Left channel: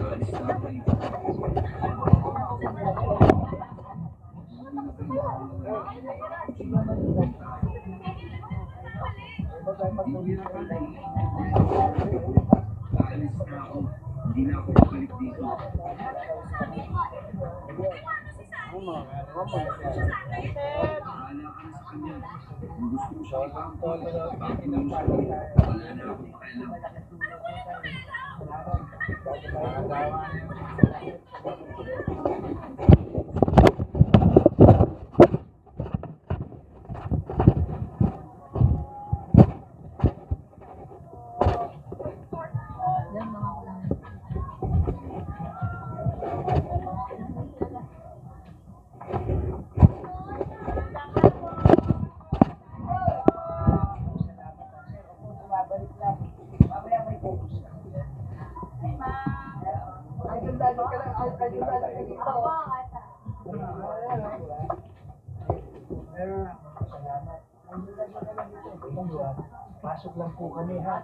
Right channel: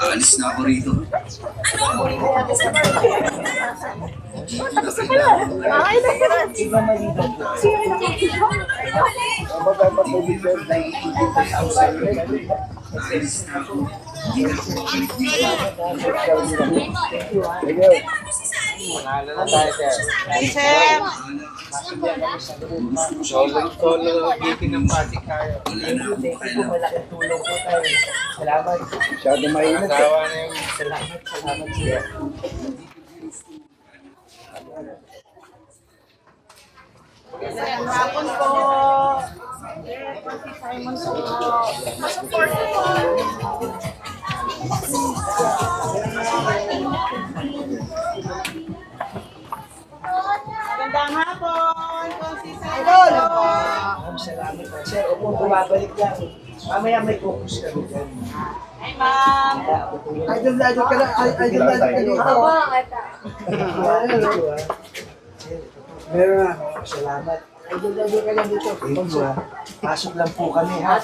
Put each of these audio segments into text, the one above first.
Alis na ako rito. Solo giving ng party kayo. Malaking tulong po tayo. Salamat. Masyado mainit. Salamat siya. Hapon po. Simon po. Masupport po. Magandang hapon. Idol! Salamat po. Sir, opo, bumabalik lang. Mamaya may focus kami dyan. Hi, ma'am. Idol ka dito. Meron na. Salamat. Idol ka lang dito. Thank you, ha. Pasok lang po kami, ha.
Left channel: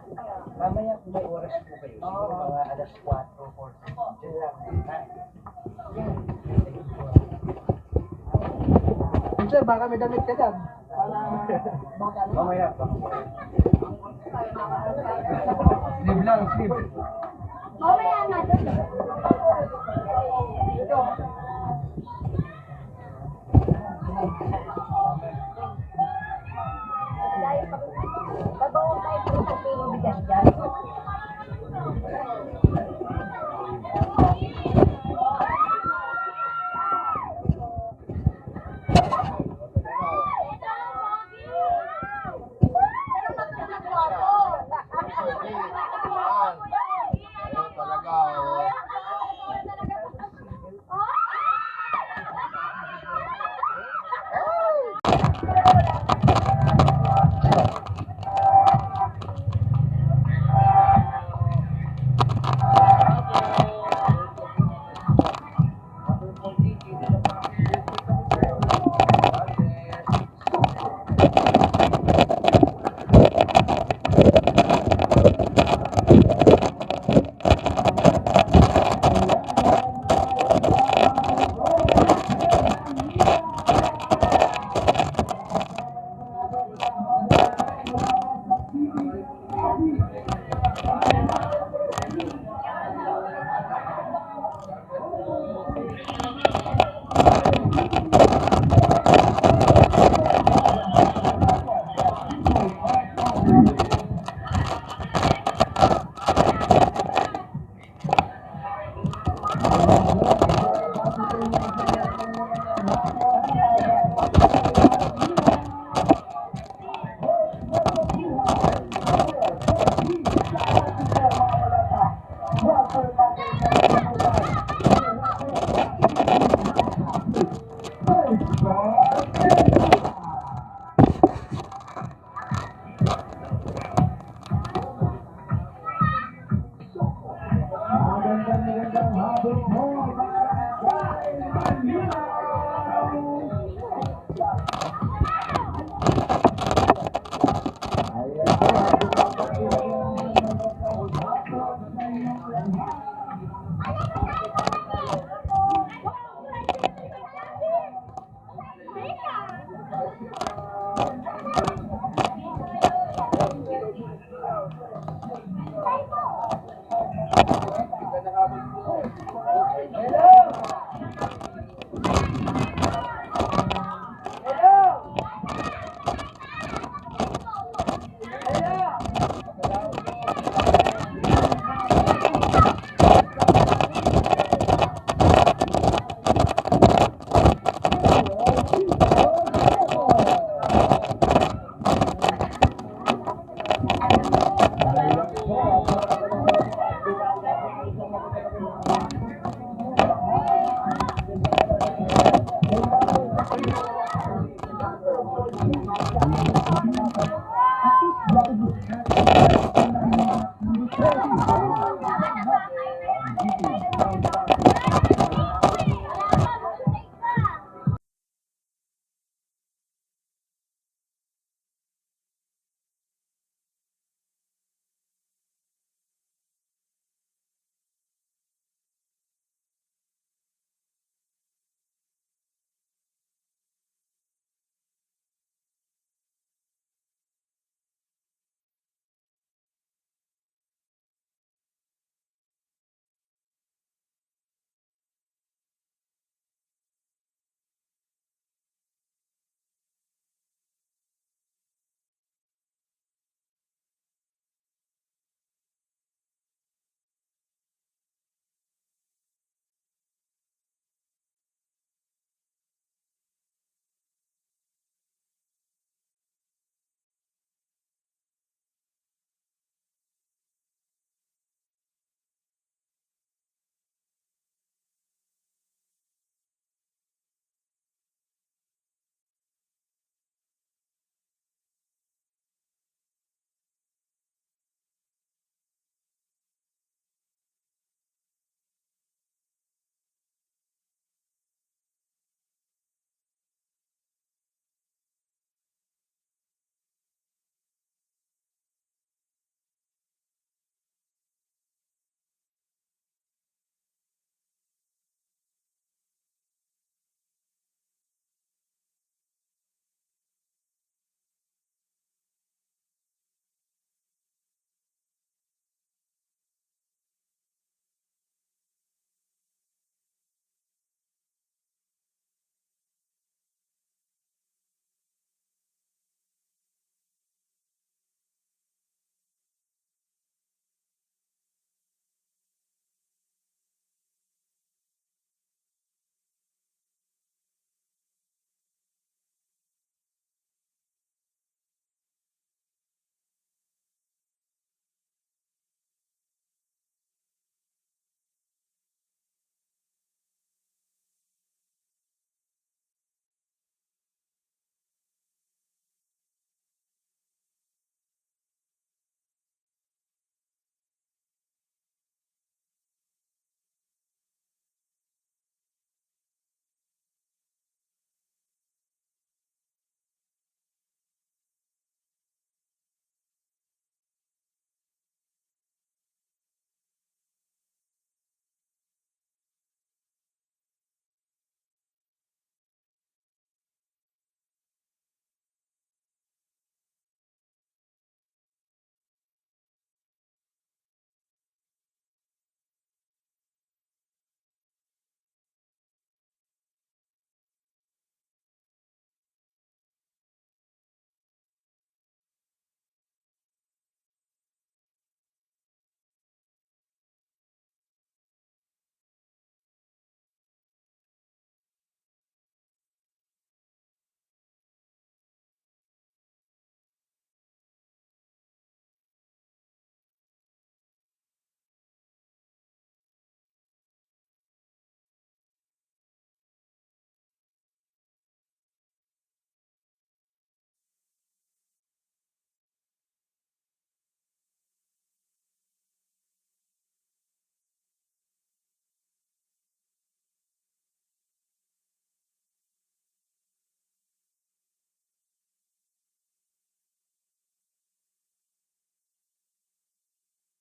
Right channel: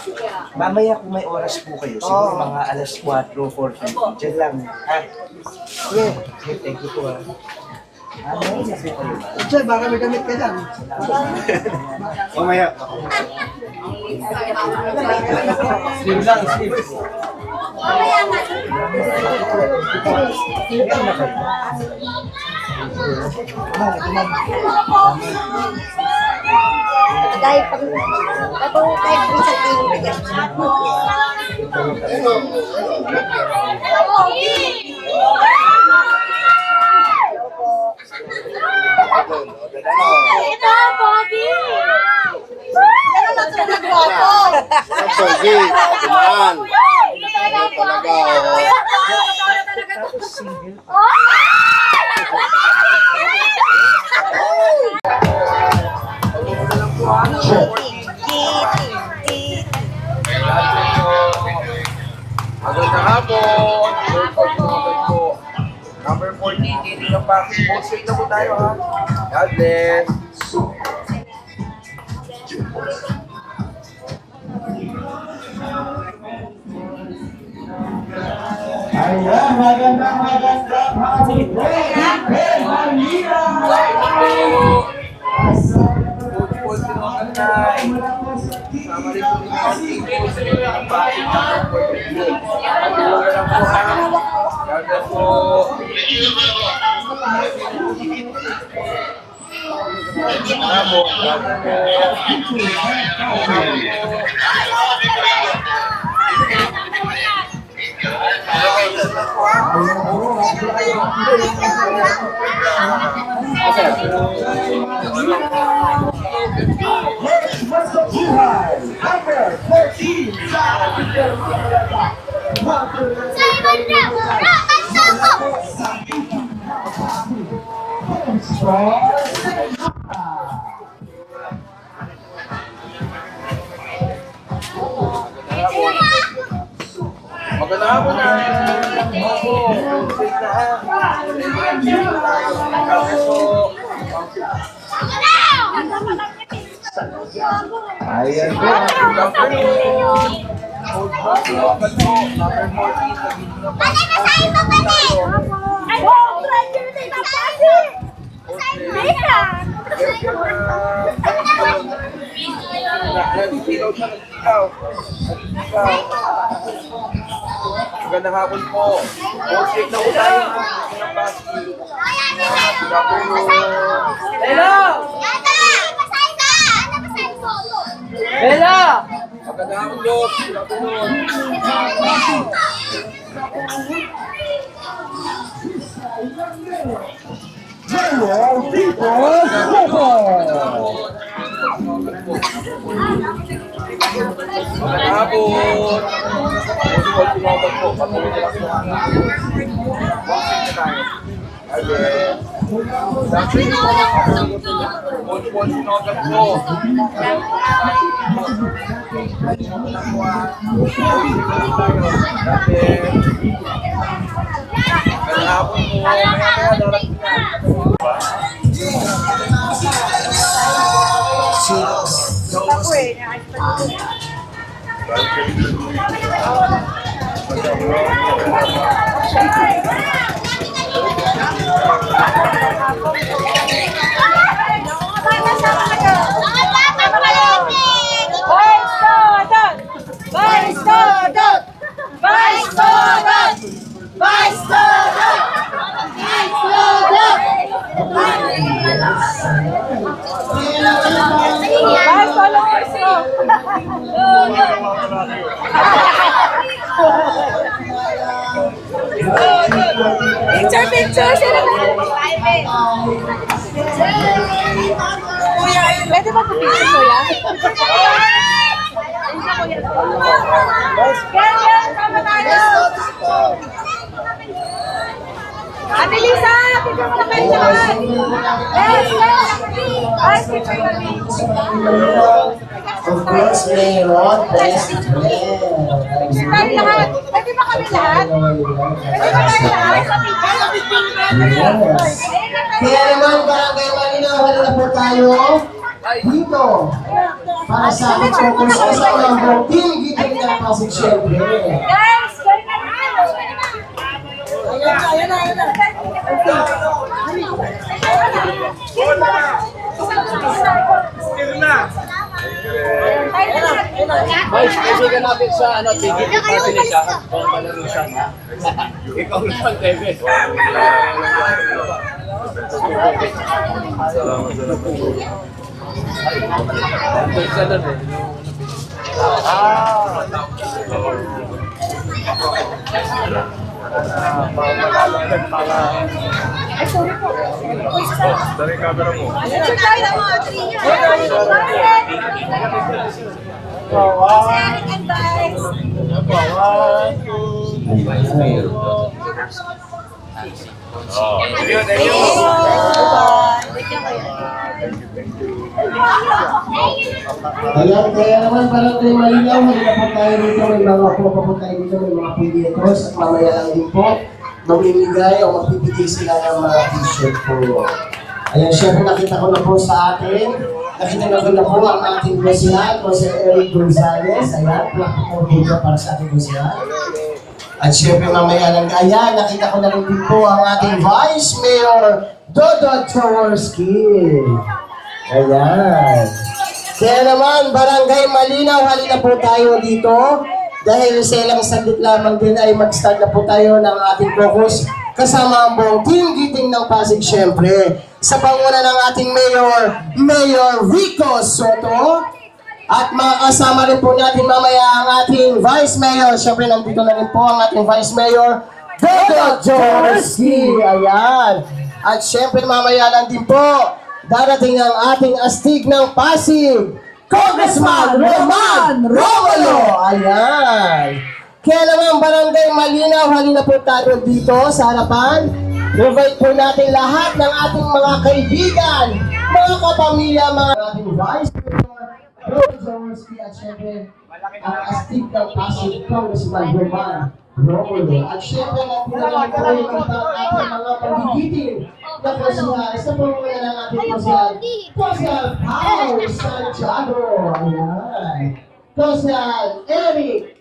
Mamaya kung may oras po kayo, siguro mga alas 4, 4:30. Diyan lang, ha. Sige. Thank you po, ha. Diyan, baka may damit ka lang. Mamaya. Slim lang, slim. Dahil pag nabawo tayo kung sa tingin bigas. Ito, Bobby. Pogi, man. Talaga, Number 14, hindi na pa. Posting na po tayo, ha. God bless. Magandang hapon na. Ayan po. Magandang hapon po. Portrait na po tayo ng basket. Hello! Hello! Magandang hapon po. Magandang hapon po. Picture, sino ba? Kuya, pwede ba picture, kuya? Ganyan, tama tayo. Ate Lisa, picture mo na kayo lahat. Yes, yes. Ay, picture kami. Of course, mayroon best friend. Picture tayo lahat. Pwede ba kami lahat? Pwede ba tayo lahat? Sa picture. Kaya naman, barangay Malinaw, halina po tayo dito para sa ating focus kasama ang buong team Giting ng Pasig syempre. Guys, join na tayo. Ayun na. Vice, kaibigan natin sa tigit yung party na siya. Kung malaro siya. Ikaw naman, David. Picture tayo ng mga three niya. Sharing advice. Ayan, kaya naman barangay Malinaw, halina po tayo dito, may mga po tayo dito, may mga pilitos at mamaya lang din po mamimigay o magbibigay sila ng mga t-shirt po. Ayan, syempre nakita ko na po sa atin, nakita ko na po ang ating president, Jose Eric Gonzalez. Ayan, plak po dito para sa ating president. At syempre mamaya lang, ayan, nakita ko na rin din po ang ating Vice Mayor, Dodo Jaworski. Ayan. Kaya naman, barangay Malinaw, halina po tayo dito. Dahil sa ilang saglit lamang din ay mag-start na po tayo ng ating focus kasama ang buong team Giting ng Pasig syempre. Sa panguna ng ating Mayor Rico Soto. At makakasama rin po natin mamaya ang ating Vice Mayor. Syempre nandito na rin po ang ating Vice Mayor, Dodo Jaworski. Ayan. At syempre mamaya lang din po darating ang ating astig ng Pasig, Congressman Roman Romulo. Ayan. Kaya naman barangay Malinaw, halina po tayo dito sa harapan. Invite po natin lahat ng ating mga kaibigan, mga kapamilya, mga ating Vice Mayor, Dodo Jaworski at syempre ang astig ng Pasig, Congressman Roman Romulo. At syempre natin naman po yung ating mga magigiting na posihal sa panguna ng ating posihal Paul Santiago. Ayan. Posihal Eric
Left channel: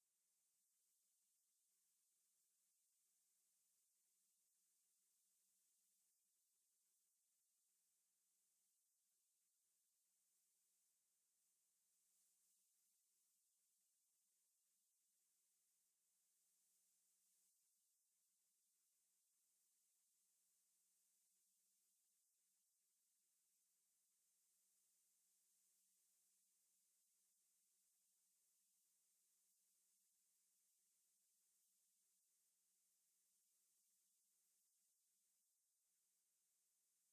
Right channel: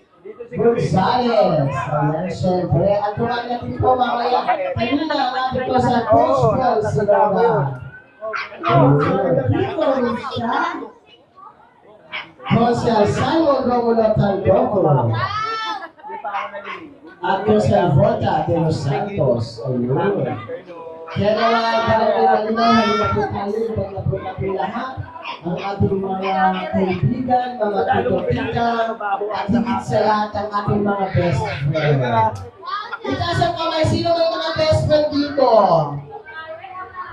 Gonzalez. Ayan, syempre. At tumahan natin po mamaya kanina ang ating posihal Christian Sinaga. Posihal Simon Romulo Tandoco. At posihal Vota de los Santos. Ayun. Kaya naman, barangay Malinaw, halina po tayo, ibang na po natin lahat ang ating mga kaibigan, mga tutupita, at higit sa lahat ang ating mga best friend. Itaas ang kamay, sino may mga best friend dito?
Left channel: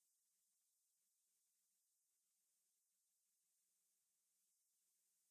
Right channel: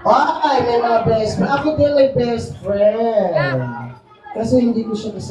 Okay, may mga best friend. Ako din may best friend. Kasi hindi ko siya